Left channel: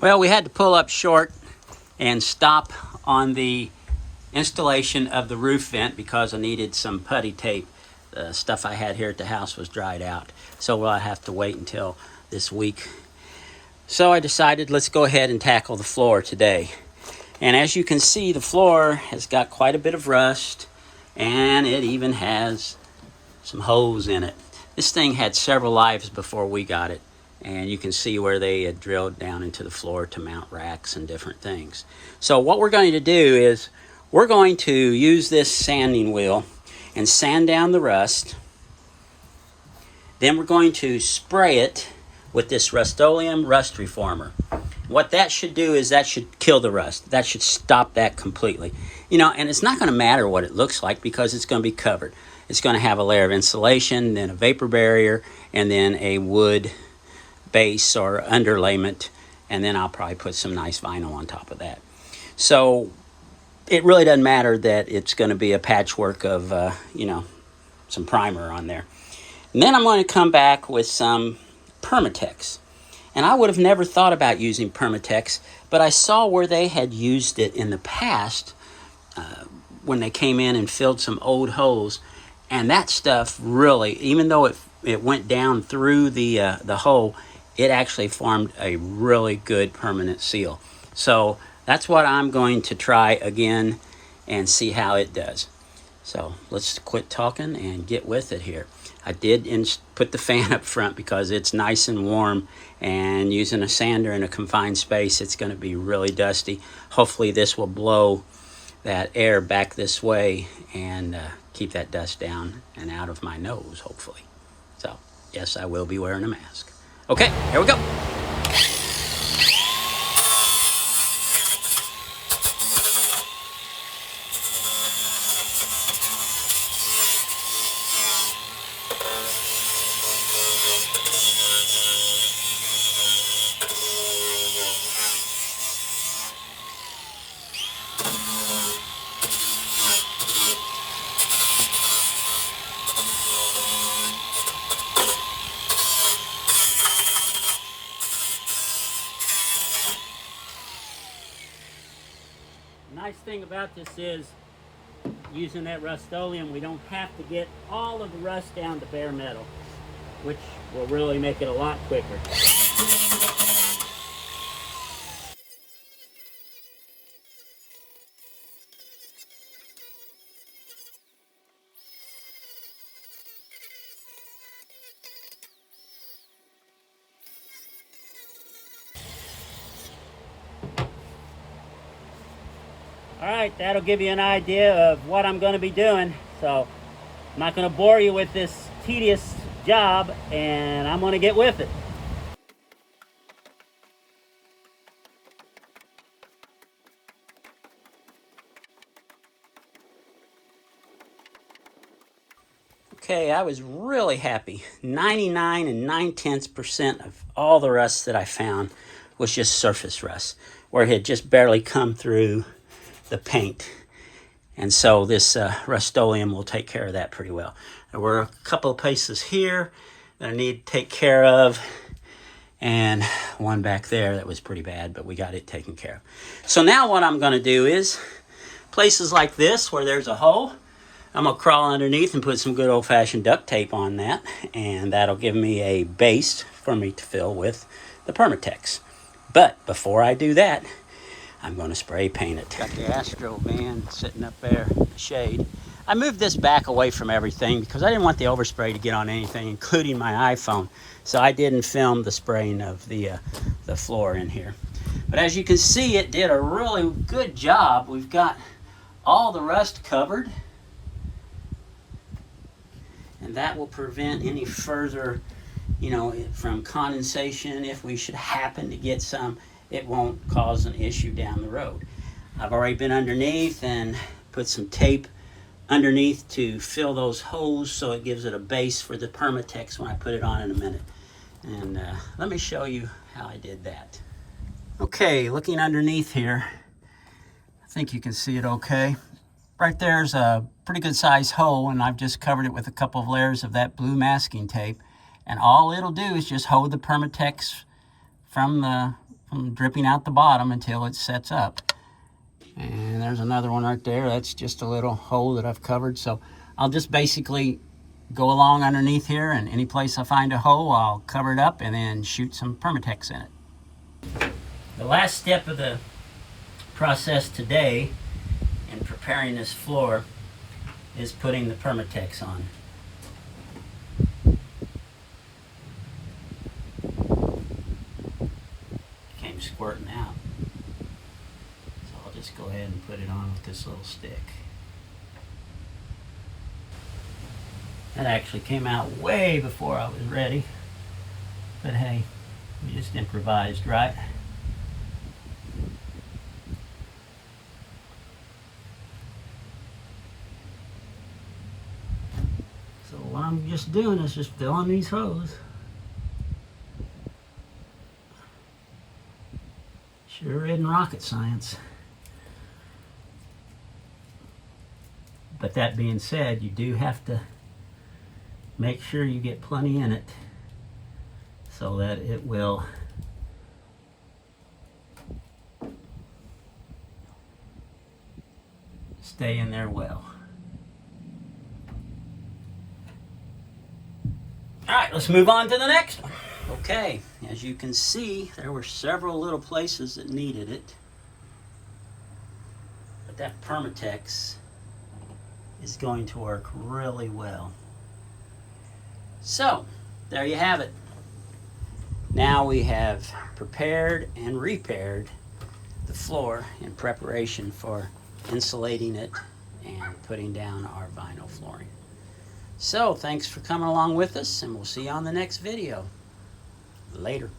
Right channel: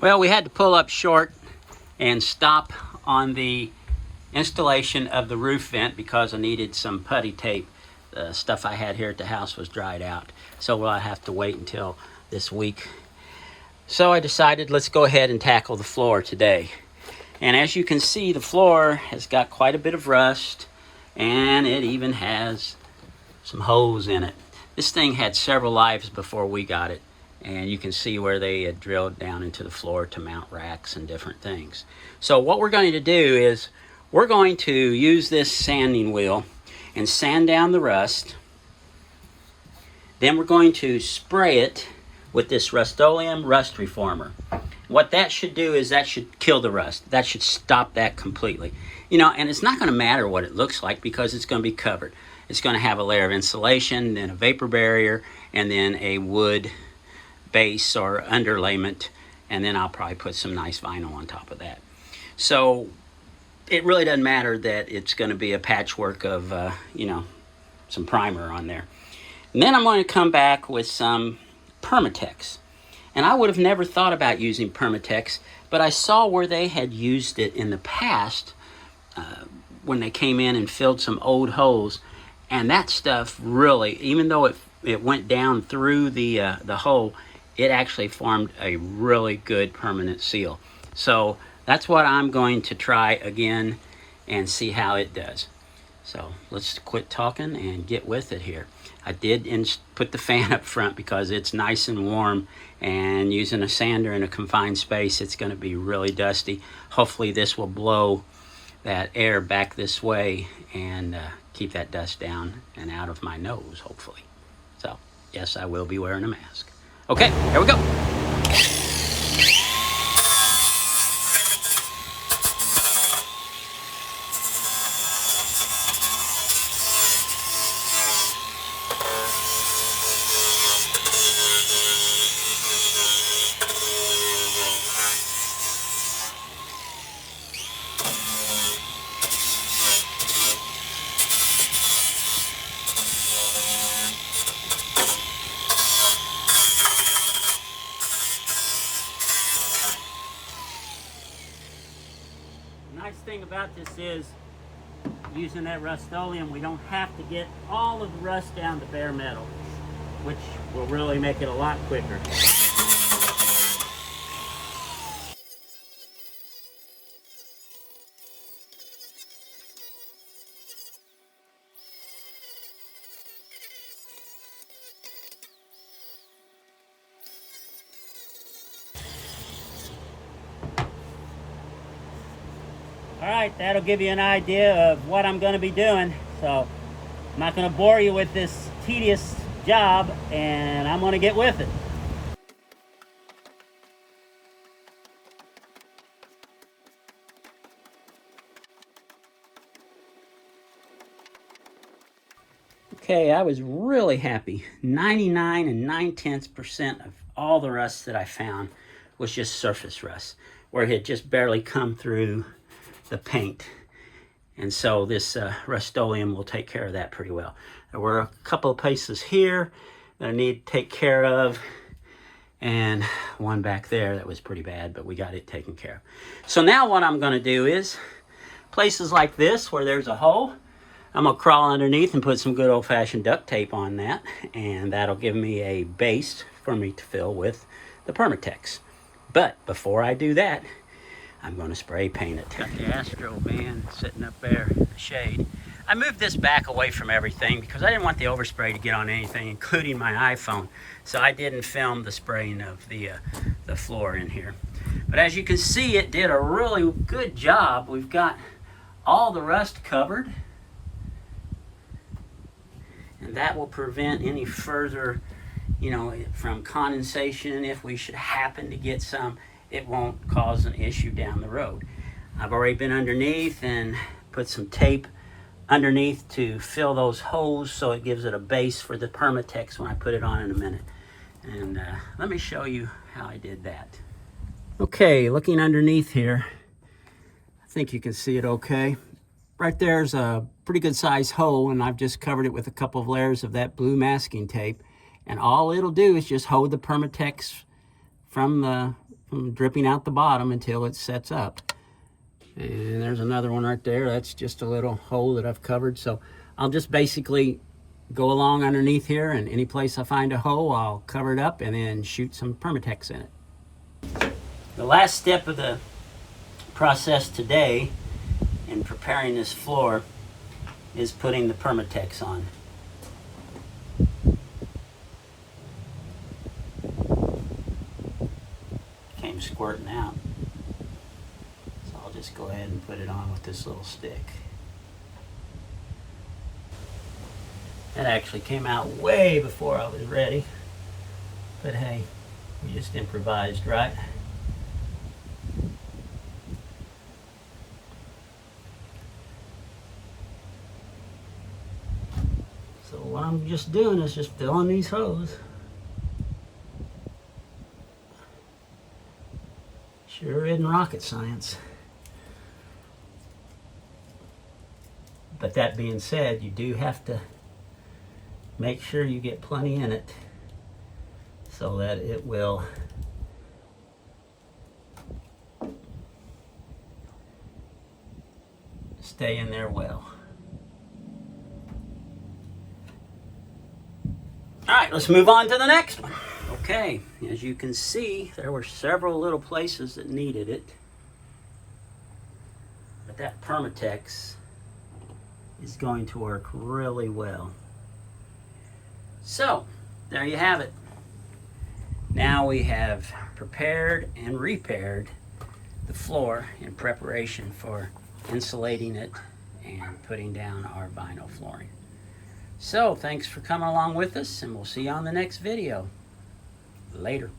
Well, we had to pull up short and stop on the installation of the roof vent because I needed some putty tape. The stuff I had here at the house was dried out, so we'll have to wait until this week. So I decided let's go ahead and tackle the floor today. And as you can see, the floor has got quite a bit of rust, and it even has some holes in it. This thing had several lives before we got it, and you can see where they had drilled down into the floor to mount racks and different things. So what we're going to do is we're going to use this sanding wheel and sand down the rust. Then we're going to spray it with this Rust-Oleum rust reformer. What that should do is that should kill the rust. That should stop that completely. You know, and it's not going to matter what it looks like because it's going to be covered. It's going to have a layer of insulation, then a vapor barrier, and then a wood base or underlayment, and then I'll probably put some nice vinyl on top of that. So it really doesn't matter that it's going to be a patchwork of, some primer on there. And then I'm going to come back with some Permatex. And I would have never thought about using Permatex, but I saw where they had used it in the past when they came in and filled some old holes. And that stuff really, even though it went down through the hole, it actually formed a really good permanent seal. So that's what I'm going to try again and see how it does. So let's quit talking and get with it here. I did put the fan up front because it's nice and warm, and using a sander in a confined space, it's going to be really dusty. Hopefully this will blow that air back this way and keep that dust down and out of my nose, hopefully. So yes, I will be wearing a mask. Okay, here we go. Nice thing about this is, using that Rust-Oleum, we don't have to get all of the rust down to bare metal, which will really make it a lot quicker. All right, that'll give you an idea of what I'm going to be doing. So I'm not going to bore you with this tedious job, and I'm going to get with it. Okay, I was really happy. 99 9/10% of all the rust that I found was just surface rust, where it had just barely come through the paint. And so this Rust-Oleum will take care of that pretty well. There were a couple of places here that I need to take care of, and one back there that was pretty bad, but we got it taken care of. So now what I'm going to do is, places like this where there's a hole, I'm going to crawl underneath and put some good old-fashioned duct tape on that, and that'll give me a base for me to fill with the Permatex. But before I do that, I'm going to spray paint it. Got the Astro van sitting up there in the shade. I moved this back away from everything because I didn't want the overspray to get on anything, including my iPhone. So I didn't film the spraying of the floor in here. But as you can see, it did a really good job. We've got all the rust covered, and that will prevent any further, from condensation. If we should happen to get some, it won't cause an issue down the road. I've already been underneath and put some tape underneath to fill those holes so it gives it a base for the Permatex when I put it on in a minute. And let me show you how I did that. Okay, looking underneath here, I think you can see it okay. Right there's a pretty good sized hole, and I've just covered it with a couple of layers of that blue masking tape. And all it'll do is just hold the Permatex from from dripping out the bottom until it sets up. And there's another one right there. That's just a little hole that I've covered. So I'll just basically go along underneath here, and any place I find a hole, I'll cover it up and then shoot some Permatex in it. The last step of the process today in preparing this floor is putting the Permatex on. Came squirting out. So I'll just go ahead and put it on with this little stick. That actually came out way before I was ready. But hey, we just improvised, right? So what I'm just doing is just filling these holes. Sure isn't rocket science. But that being said, you do have to make sure you get plenty in it so that it will stay in there well. All right, let's move on to the next one. Okay, as you can see, there were several little places that needed it. But that Permatex is going to work really well. So, there you have it. Now we have prepared and repaired the floor in preparation for insulating it and putting down our vinyl flooring. So, thanks for coming along with us, and we'll see you on the next video. Later.